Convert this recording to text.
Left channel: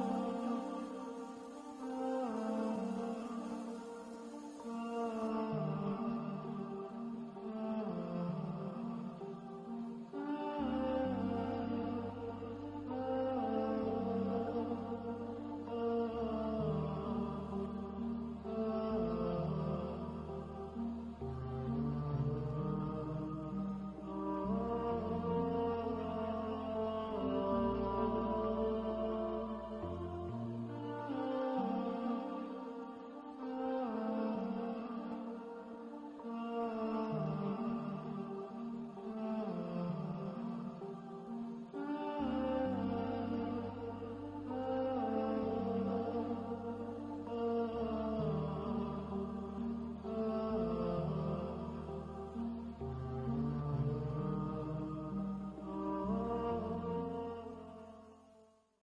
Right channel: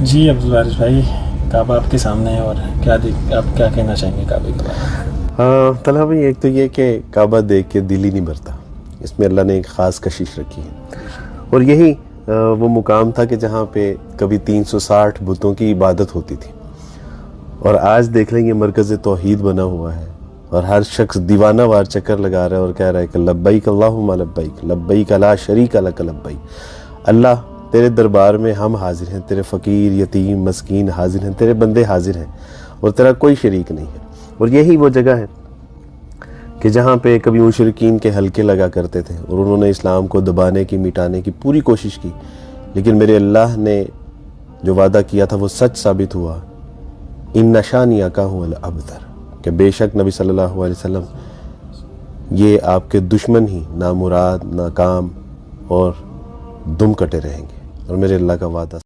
जी अब्दुल वारिस भाई, काबा आपके सामने है और आप क्या कहना चाहेंगे काबे के बारे में? हाँ तलहा भाई, एक तो ये कि काबा देख के दिल ही नहीं भरता। इसमें अल्लाह ने एक ख़ास कशिश रखी है। और यही वो मुकाम था कि जहाँ पे कभी 360 बुतों की इबादत होती थी, और आज देख लेंगे मरकज़ तौहीद बना हुआ है और हर शख्स दीवाना वार चक्कर लगा रहा है और कह रहा है कि लब्बैक अल्लाहुम्मा लब्बैक, लब्बैक ला शरीका लक लब्बैक। अल्लाह तेरे दरबार में हम हाजिर हैं, तेरे फ़कीर यतीम मस्कीन हाजिर हैं, तेरे बंदे हाजिर हैं और तेरा कोई शरीक नहीं है। और यही वो जगह है कि जहाँ पे कभी मुशरिकीन के हलके लगा करते थे और उन्होंने इस्लाम को दबाने की मिटाने की पूरी कोशिश की, लेकिन मेरे अल्लाह ने जो वादा किया था वो सच साबित हुआ। इन नशानिया का हूँ अबतर, कि बेशक नबी सल्लल्लाहु अलैहि वसल्लम ये आपके दुश्मन ही नामुराद नाकाम और दुम कटे रहेंगे, और मेरे अल्लाह का वादा